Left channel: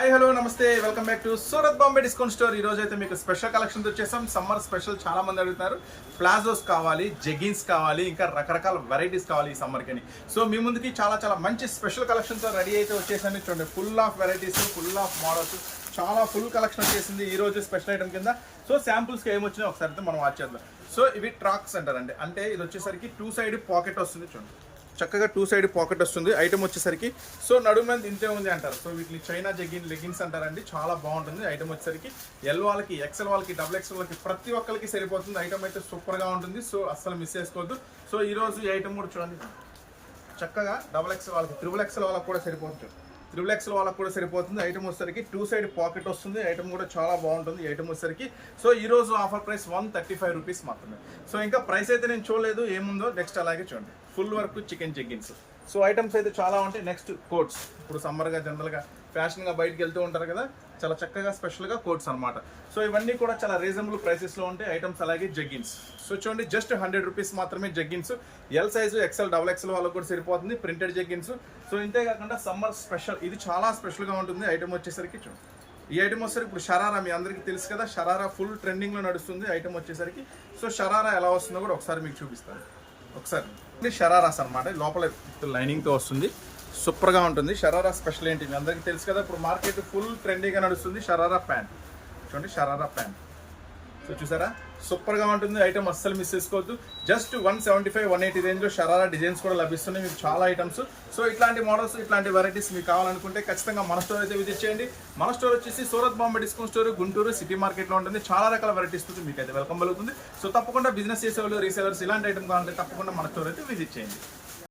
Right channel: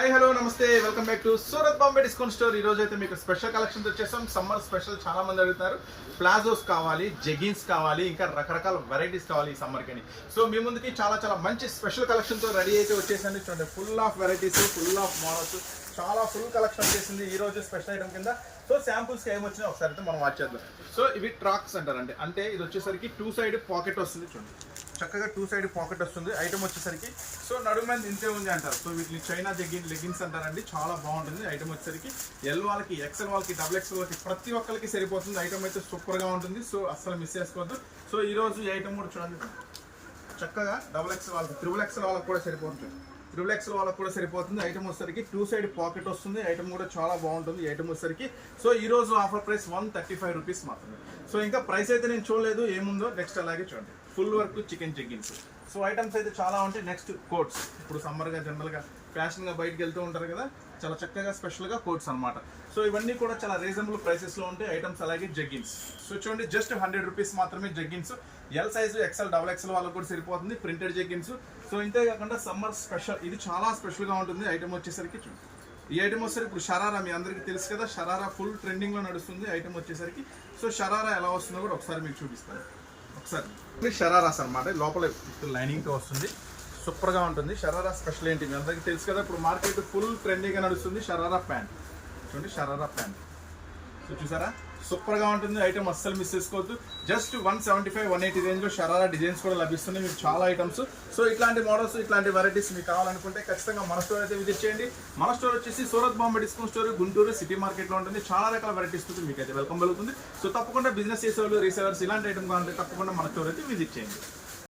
Hi hello నమస్తే welcome back to Surat Bombay discount store. ఈ రోజు అయితే మీకు స్పెషల్ కలెక్షన్స్ వచ్చేసాం. సమ్మర్ స్పెషల్ చాలా మంది అడుగుతున్నారు. ప్లాజోస్ కావాలి, జెగిన్స్ కావాలి, ఇంకా రకరకాల వెరైటీస్ కావాలి ఈ సమ్మర్ కని. సో మీ ముందుకి చాలా మంచి స్పెషల్ కలెక్షన్ తో రెడీ అయితే వచ్చేసాను. చూడండి, full of varieties, full of models, చాలా ఫుల్ కలెక్షన్ వచ్చేసింది ఈ రోజు స్పెషల్ ఐటమ్ కింద. సో శాంపుల్స్ కి ఏమొచ్చినా ఒకసారి అయితే మనం వాచ్ చేద్దాం. సో ఇవి ట్రాక్స్ అంటారండి. అంటే ఇది వచ్చేసరికి 2 సైడ్ పాకెట్ వస్తుంది. చూడండి, చక్కగా 2 సైడ్ పాకెట్ వస్తుంది. ఐటమ్ వచ్చేసరికి సో నడుము మీద ఇంతే ఉంది అంటారు. సో వీటిని చైనా లెగిన్స్ అంటారండి. చాలా బాగుంటుంది ఐటమ్ వచ్చేసరికి. ఎల్ వాళ్ళకి, ఎక్సెల్ వాళ్ళకి, డబుల్ ఎక్సెల్ వాళ్ళకి ప్రతి ఒక్కరికి సరిపోతుంది. ఐటమ్ అయితే సూపర్ గా ఉంటుంది. సో అస్సలు మిస్ చేసుకోవద్దు. సో ఈ రోజు ఈ ఐటమ్ కూడా చూడండి, చక్కగా డబుల్ ఎక్సెల్ వాళ్ళకి, ట్రిపుల్ ఎక్సెల్ వాళ్ళకి కూడా సరిపోతుంది. ట్రిపుల్ ఎక్సెల్ వాళ్ళకి కూడా సరిపోతుంది. ఐటమ్ వచ్చేసరికి 2 సైడ్ పాకెట్ వస్తుంది. ఐటమ్ కూడా చాలా బాగుంటుంది ఐటమ్ వచ్చేసరికి. సో ఈ రోజు ఆఫర్ ప్రైస్ 135 రూపీస్ మాత్రమే. సో ఇంకా ప్రైస్ అయితే నేను చూడలేదు ఏముందో, నెక్స్ట్ అలాగే చూడండి. Full work chicken jeggings. So items అయితే చాలా ఉంటాయి. నెక్స్ట్ కోట్స్, ఇప్పుడు సమ్మర్గా జనరల్గా ఫ్యాషన్గా బయటకు వెళ్తూ ఉంటారు కదా, చాలా చక్కగా స్పెషల్గా కోట్స్ అనమాట. సో ఇవన్నీ కూడా చాలా రీజనబుల్ ప్రైసెస్లో ఉంటాయి ఐటమ్స్. అలాగే జగ్గిన్స్. సో చూడండి, జస్ట్ 100 రూపీస్ మాత్రమే jeggings. L size, XL, double XL వాళ్ళకి కూడా సరిపోతుంది ప్రింటెడ్ జగ్గిన్స్. సో ఇంతే కాకుండా సమ్మర్ స్పెషల్, ఇది చాలా స్పెషల్గా ఉంటుంది ఐటమ్ వచ్చేసరికి. చూడండి, ఈ ఐటమ్ వచ్చేసరికి ఇప్పుడు షరారా మీ అందరికీ తెలుసు కదా, షరారా ఫుల్ ట్రెండింగ్లో నడుస్తుంది ఐటమ్ వచ్చేసరికి. సో షరారా ఎలా వస్తుందో కూడా ఒకసారి మీకు చూపిస్తాను. ఒకసారి షరారాస్ అనమాట, లోపల లైనింగ్తో వస్తుంది. సూపర్గా ఉంటుంది. షరారా స్పెషల్ ఏంటి మీ అందరికీ తెలుసు కదా, ఇప్పుడు మార్కెట్ ఫుల్ ట్రెండీగా నడుస్తుంది షరారా ప్యాంట్. చూడండి, షరారా ప్యాంట్. సో చూసారా, సూపర్గా ఉంటుంది ఐటమ్, అస్సలు మిస్ చేసుకోవద్దు. జస్ట్ 175, 180 రేంజ్లో షరారా డిజైన్స్ కూడా లభిస్తున్నాయి మీకు, చాలా ఐటమ్స్. సో ఇట్లాంటి మోడల్స్, ఇట్లాంటి వెరైటీస్ మీకు కావాలనుకుంటే ఖచ్చితంగా మన స్టోర్ అయితే విజిట్ చేయండి. మన స్టోర్ వచ్చేసి Surat Bombay discount store, Guntur city మార్కెట్లో ఉంటుంది. చాలా రకాల వెరైటీస్ మీకు అయితే వెల్కమ్ కలుగుతుంది. సో తప్పకుండా బిజినెస్ చేసేవాళ్ళు, రీసేలర్స్ ఇలాంటి ఐటమ్ కావాలంటే తప్పకుండా మన స్టోర్ అయితే విజిట్ చేయండి.